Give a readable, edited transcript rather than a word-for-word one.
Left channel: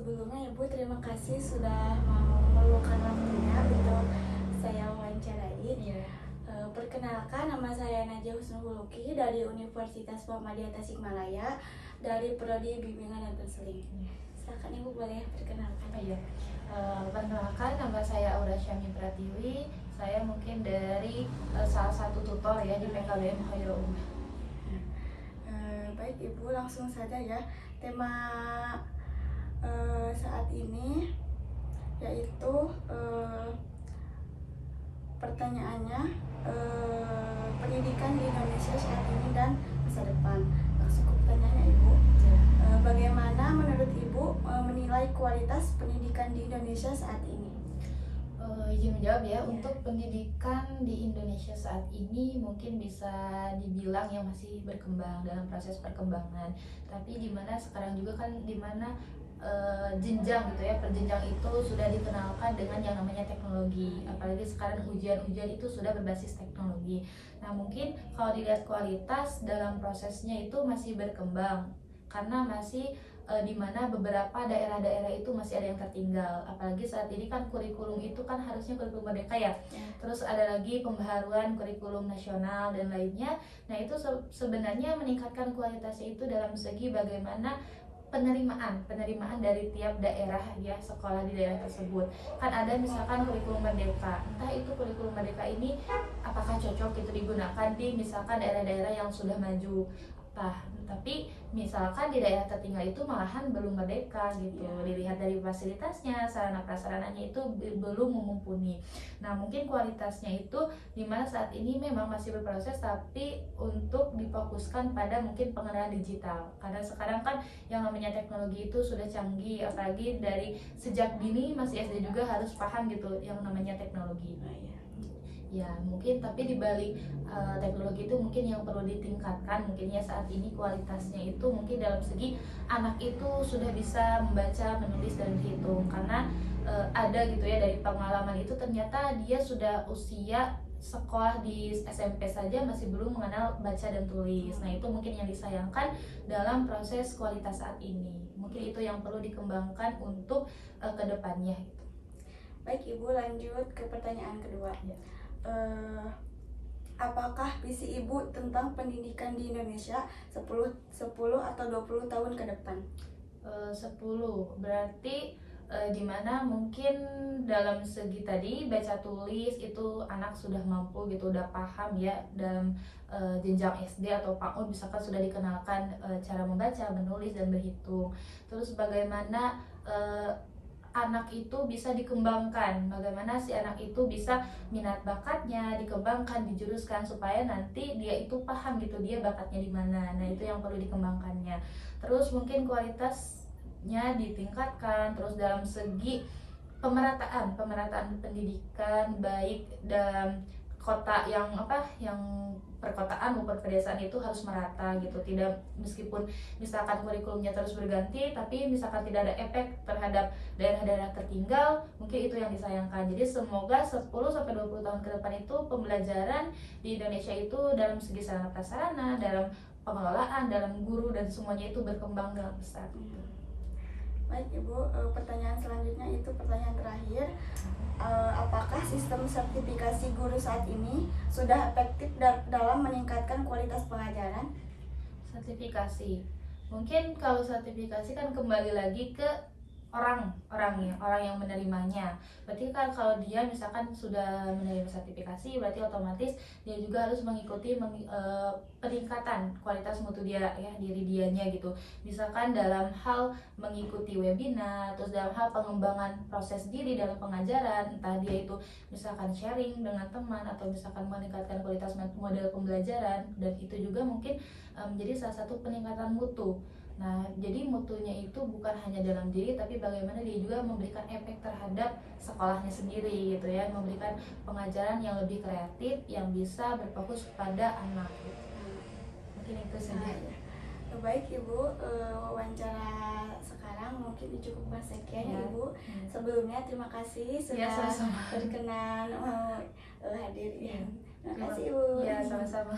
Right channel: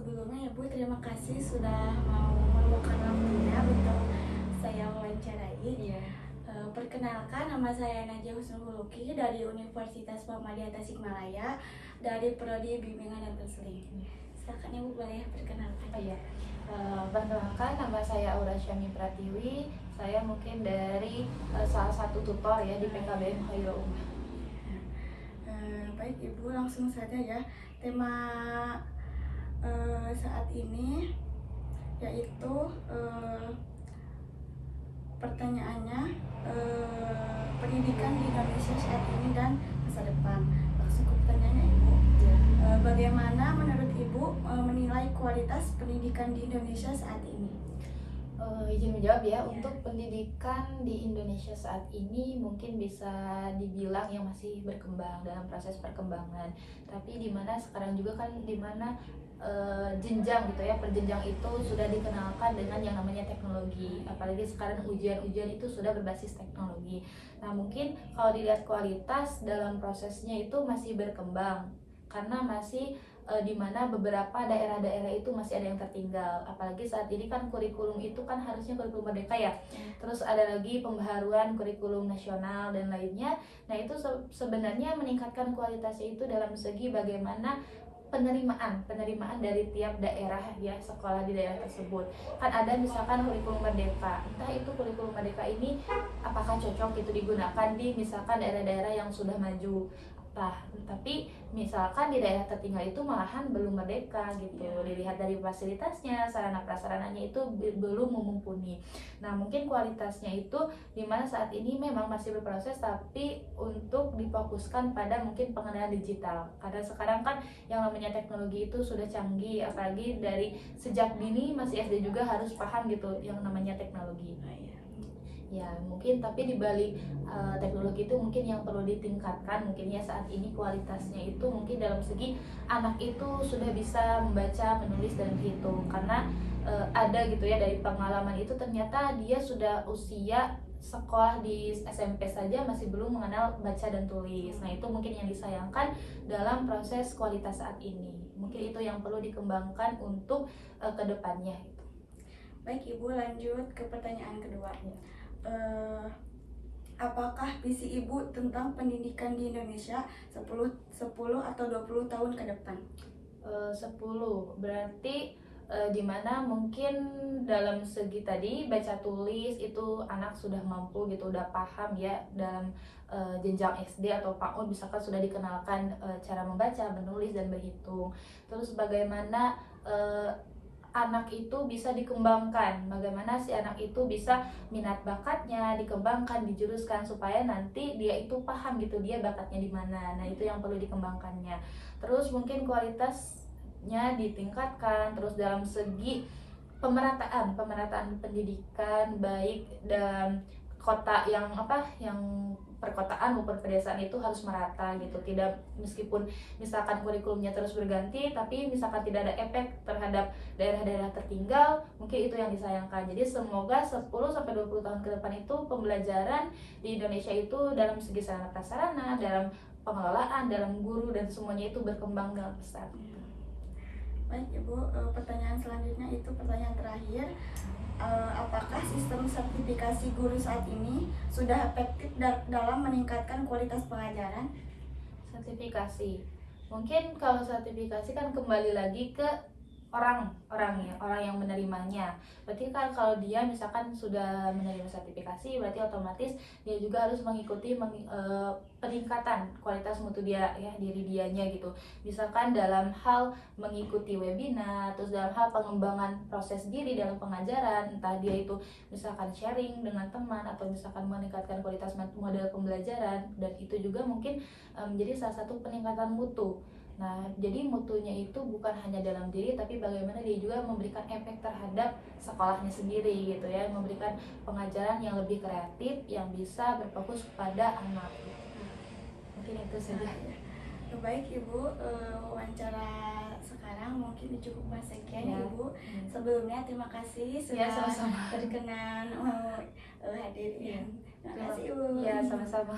Sebelumnya Ibu terima kasih sudah mau meluangkan waktunya untuk saya wawancarai. Iya. Perkenalkan, nama saya Najah Husnul Huluki dari Universitas Muhammadiyah Tasikmalaya dari Prodi Bimbingan dan Konseling. Silakan Ibu boleh perkenalkan. Oh iya. Perkenalkan, nama saya Aura Syami Pratiwi. Saya mungkin dari salah satu tutor ya di PKBM Khairul Ummah. Baik Ibu, langsung saja ya. Tema saat ini yaitu pertanyaannya pendidikan di Indonesia saat ini dan masa depan. Langsung ke pertanyaannya Ibu. Bagaimana menurut Ibu menilai kualitas pendidikan di Indonesia saat ini? Izin menjawab ya. Untuk pendidikan di Indonesia saat ini mungkin bisa dibilang yang masih berkembang, dalam proses perkembangan. Tapi dimana sekarang juga kan dimana jenjang gitu ya, perjenjang itu sudah dikenalkan dengan yang namanya teknologi. Apalagi sekarang ujian-ujian itu sudah berbasis teknologi. Nah mungkin kalau dilihat kualitas dalam prosesnya itu masih berkembang, karena masih di mana beberapa daerah-daerah itu masih ada yang tertinggal. Apalagi saat ini kan kurikulum itu kan harusnya kurikulum merdeka ya. Terus ada lagi pembaharuan kurikulum nasional dan lainnya. Nah itu sebenarnya meningkatkan kualitasnya itu dalam segi bagaimana penerimaan dari tiap daerah ya, sekolah di daerah tersebut. Kan ada misalkan kurikulum merdeka, entah itu kurikulum merdeka ini apakah cocok itu digunakan di misalkan daerah-daerah yang sudah maju. Tapi misalkan di daerah tertinggal itu malahan belum merdeka gitu. Dilihat dari fasilitasnya, sarana prasarananya itu belum mumpuni. Nah mungkin kualitasnya itu dimana saat ini memang masih berproses, tapi untuk difokuskan pada mungkin pengenalan digital. Karena sekarang kan yang namanya teknologi itu sudah canggih, apalagi dari sejak dini masih SD juga harus paham gitu yang namanya teknologi. Ya mungkin, tapi dibalik teknologi itu mungkin yang perlu ditingkatkan mungkin ya saat ini kualitasnya itu mungkin dalam segi anak itu sudah bisa membaca, menulis dan berhitung. Karena ada gitu ya dari pengalaman itu, ternyata dia sudah usia sekolah di SMP saja masih belum mengenal baca dan tulis. Nah itu mungkin yang disayangkan dalam proses kualitas saat ini. Mungkin itu yang perlu dikembangkan untuk kedepannya. Baik Ibu, lanjut ke pertanyaan kedua. Apakah visi Ibu tentang pendidikan di Indonesia 10 atau 20 tahun ke depan? 10 berarti dimana mungkin dalam segi tadi baca tulis itu anak sudah mampu gitu, udah paham ya dalam jenjang SD atau PAUD misalkan sudah dikenalkan cara membaca, menulis dan berhitung. Terus bagaimana anak itu bisa dikembangkan, bagaimana si anak itu bisa minat bakatnya dikembangkan, dijuruskan supaya nanti dia itu paham gitu dia bakatnya di mana. Nah itu yang perlu dikembangkannya. Terus mungkin kualitasnya ditingkatkan, terus dalam segi pemerataan pendidikan baik dalam kota yang perkotaan maupun pedesaan itu harus merata gitu. Tidak, meskipun misalkan kurikulumnya terus berganti, tapi misalkan tidak ada efek terhadap daerah-daerah tertinggal, mungkin itu yang disayangkan. Jadi semoga 10 sampai 20 tahun ke depan itu pembelajaran di Indonesia itu dalam segi sarana prasarana, dalam pengelolaan, dalam guru dan semuanya itu berkembang dengan besar. Baik Ibu, pertanyaan selanjutnya itu pertanyaan terakhir. Apakah sistem sertifikasi guru saat ini sudah efektif dalam meningkatkan kualitas pengajaran? Sertifikasi, mungkin kalau sertifikasi kan kembali lagi ke orang yang menerimanya. Berarti kan kalau dia misalkan sudah menerima sertifikasi, berarti otomatis dia juga harus mengikuti peningkatan kualitas mutu dia ya, diri dianya gitu. Misalkan dalam hal mengikuti webinar, terus dalam hal pengembangan proses diri dalam pengajaran, entah dia itu misalkan sharing dengan teman atau misalkan meningkatkan kualitas model pembelajaran, dan itu juga mungkin menjadi salah satu peningkatan mutu. Nah, jadi mutunya itu bukan hanya dalam diri, tapi bagaimana dia juga memberikan efek terhadap sekolahnya sendiri gitu ya, memberikan pengajaran yang lebih kreatif, yang bisa berfokus kepada anak gitu. Mungkin itu saja. Baik Ibu, wawancara sekarang mungkin cukup sekian ya Ibu. Sebelumnya terima kasih sudah berkenan hadir. Terima kasih Ibu. Ya, sama-sama.